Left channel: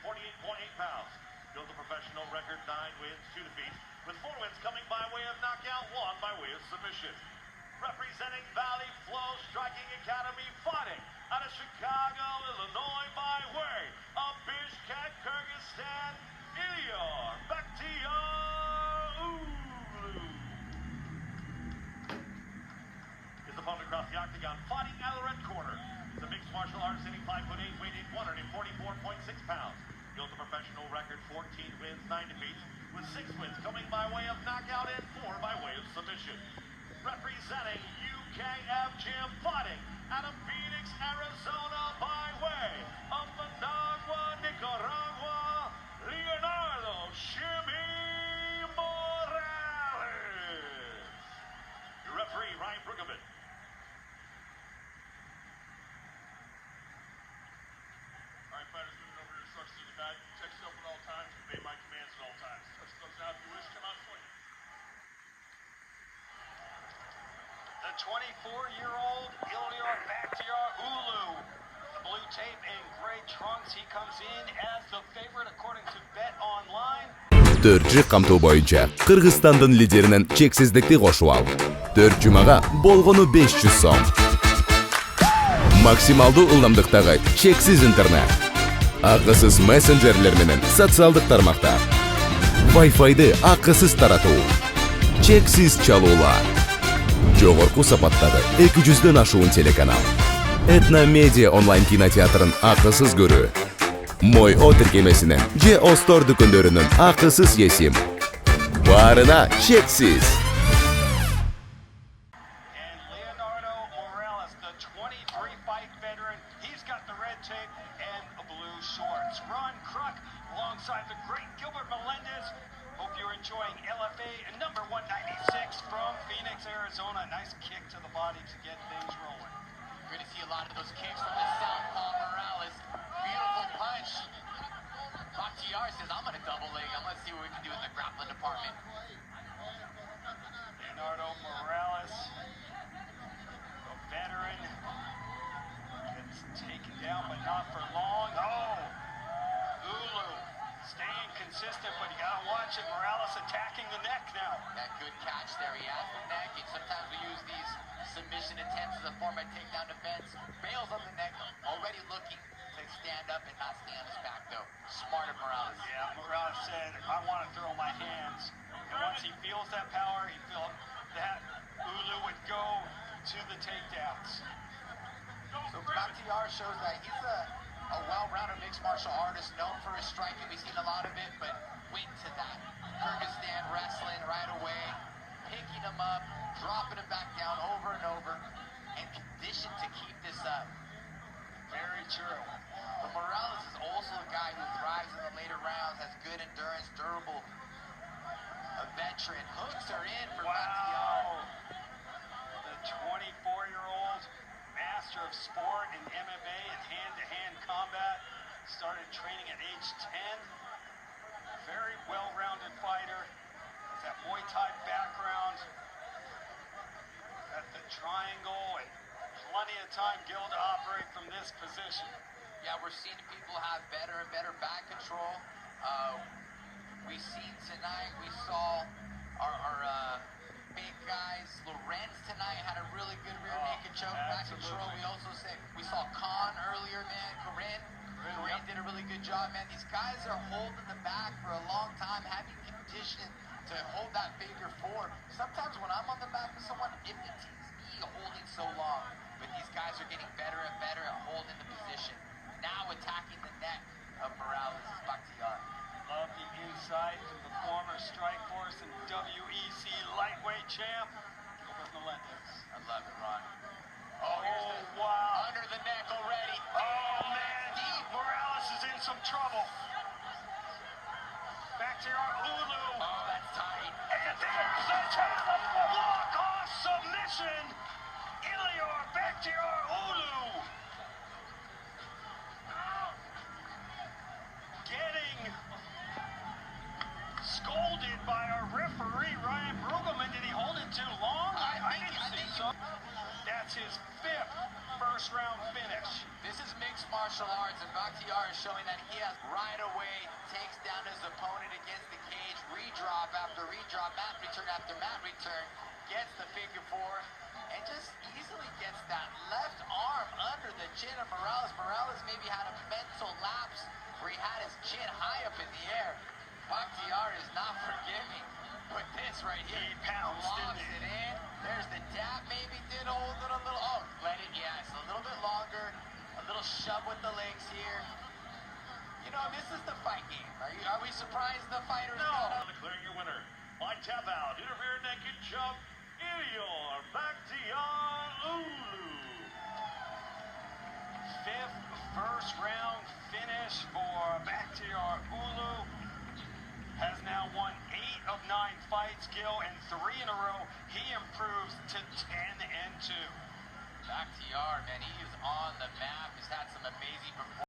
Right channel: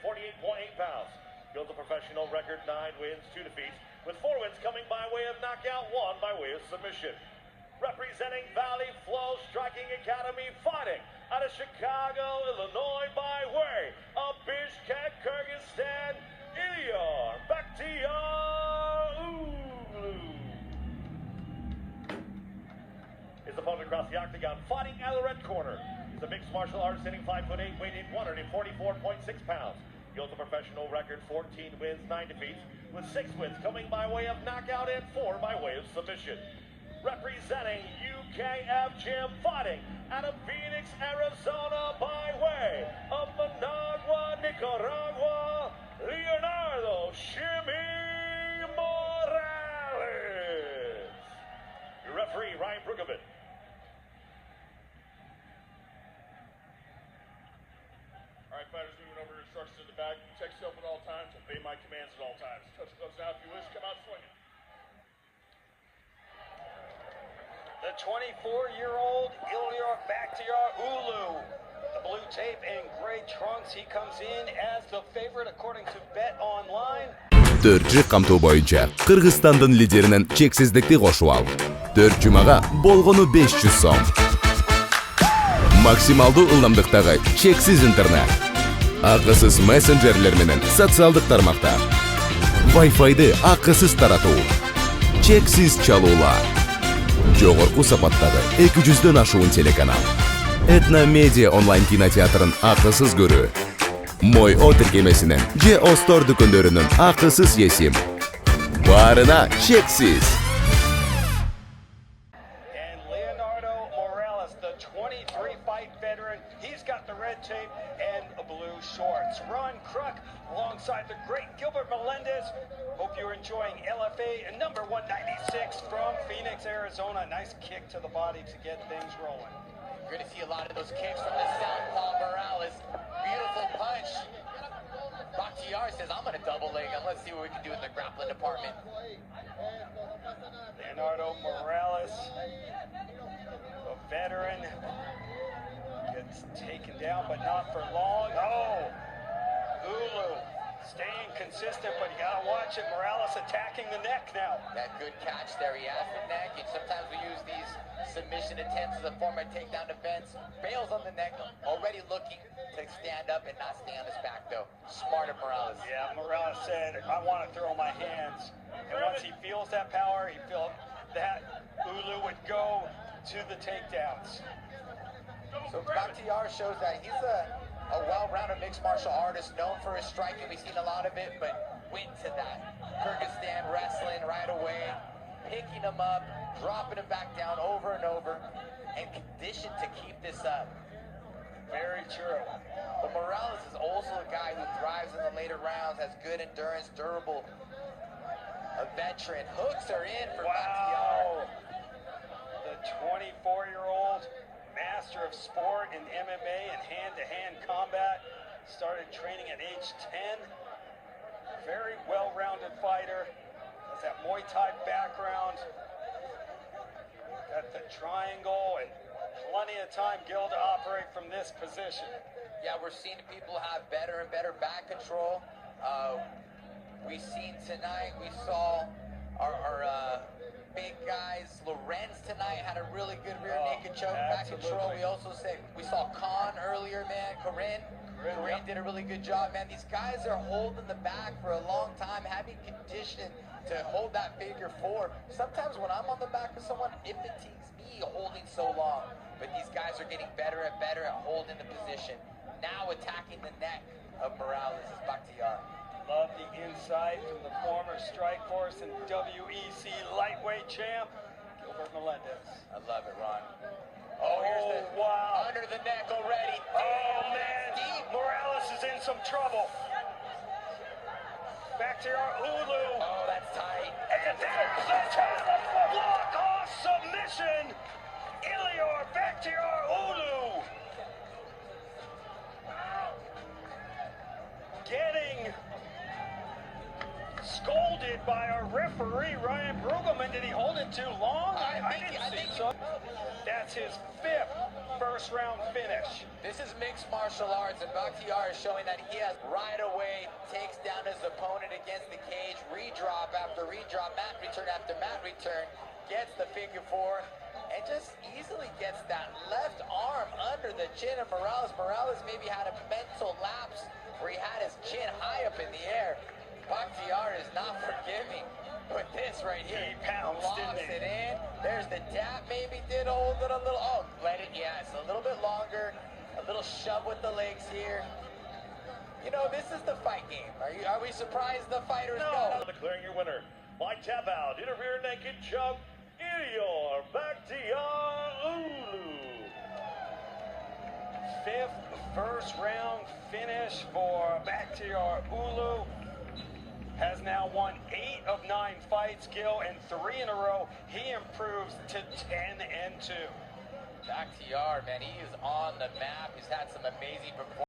148.8 pounds. Built a professional record 9 wins, 2 defeats, with 4 wins coming by way of knockout, 1 by way of submission. Representing Valley Flow Striking Academy, fighting out of Chicago, Illinois, by way of Bishkek, Kyrgyzstan, Ilyer, Bachtiar, Уулу. His opponent across the octagon, fighting out of the red corner. He's a mixed martial artist, hitting 5'8", weighing 144.6 pounds. Built a professional record, 14 wins, 9 defeats, with 6 wins coming by way of knockout and 4 by way of submission. Representing UKF Gym, fighting out of Phoenix, Arizona, by way of Managua, Nicaragua, Leonardо Morales. Your referee, Ryan Brueggemann. All right, fighters, moving over to instructions in the back. Protect yourself at all times. Obey my commands at all times. Touch gloves out if you wish. Come out swinging. The 24-year-old Ilyer Bachtiar Уулу. The blue tape and gray trunks. He comes in as the favorite according to Bet Online. 4 камтуу боюнча Кыргызстандын лидеринин чексиздикти кошуп ал. 4 жумага болгону 500 сом. Максималдуу ылдамдыктагы чексиз интернет. Акысыз мессенджерлер менен социалдык тармакта. Wi-Fi'ды акысыз таратуу. Чексиз чалуулар. Жогорку сапаттагы 200дөн ашуун телеканал. Этно медиа онлайн кинотеатрын акысыз көрүү. Мой О тиркемесинен же Остор дүкөндөрүнүн акысыз есим. Барына чексиз. And Leonardo Mоралес, the 23-fight veteran, he's got the red tape and blue shorts. Ron Kruk alongside the great Gilbert Melendez. Hope you're enjoying LFA number 196 from Phoenix, Arizona. Nice kick to the body to get things rolling. You're going to see a lot of those kicks from the southpaw Morales. Beautiful punch. Bachtiar says, I'm going to double leg him. Let's see what we can do in the grappling department. Leonardo Morales, a veteran, gets taken down, but not for long. Oh, Уулу staying consistent, but you got to watch it. Morales attacking the neck now. That good catch there. He has the neck, and sometimes we use these submission attempts as a form of takedown defense. Bails on the neck, already looking to stand up and not stay on his back, though. Smart of Morales. Yeah, Morales said, I want to throw my hands. And once he feels that power, he feels that Уулu would go to the takedowns. So Bachtiar shows that he's a well-rounded mixed martial artist, known for his striking. We've seen a lot of it, but went to that Kyrgyzstan wrestling right away, picking him up, dropping him back down over and over, and conditioned to keep this up. Very true. But Morales is also a guy who thrives in the later rounds, has good endurance, durable, a veteran. Hooks are in for Bachtiar. The 24-year-old master of sport in MMA and hand-to-hand combat, started training at age 10. Very well-rounded fighter, has that Muay Thai background, got the triangle, and plenty of time, Gil, to operate from this position. Yeah, we're seeing people have better and better back control. We've seen tonight, we saw our big guys. Lorenz tonight had a really good rear naked choke, back control. We also said we saw Khan earlier, man. Corinne did a really good job, man. These guys are holding the back for a long time, having conditioning to hold that figure four. Sometimes when I'm on the back of someone, it fatigues me holding so long. But these guys are getting better and better at holding the position. Now attacking the neck of Morales is Bachtiar. Love the insight from the former Strikeforce and WEC lightweight champ, Gilbert Melendez. I love it, Ron. Oh, wow. Under the neck already. Oh, man. Morales is in some trouble. Bachtiar Уулu. Oh, that's tight. And there's the block-off submission. Ilyer Bachtiar Уулu. Getting scolded by our referee, Ryan Brueggemann. Did he hold it too long? I didn't see so. That That's his 5th first-round finish. This is mixed martial arts, and Bahtiyar is showing that he has right away, takes down his opponent against the cage, redrop after redrop, mat return after mat return, gets the figure 4, and just easily gets that left arm under the chin of Morales. Morales maybe had a mental lapse where he had his chin high up in the air. Bahtiyar is not forgiving with this right here. He pounced, locks it in. There's the dab, maybe did hold it a little. Oh, let it, yes, a little bit longer. A little shove with the legs here. You know, this is the fight game. Are we surprised the fighters got Declaring your winner by tap out, interfere naked choke, Ilyer Bahtiyar Уулу. 5th first-round finish for Bahtiyar Уулу. Has now won 8 of 9 fights, Gil, and 3 in a row. He improves to 10-2. Bahtiyar, man, he is on the map. He's had some amazing performances.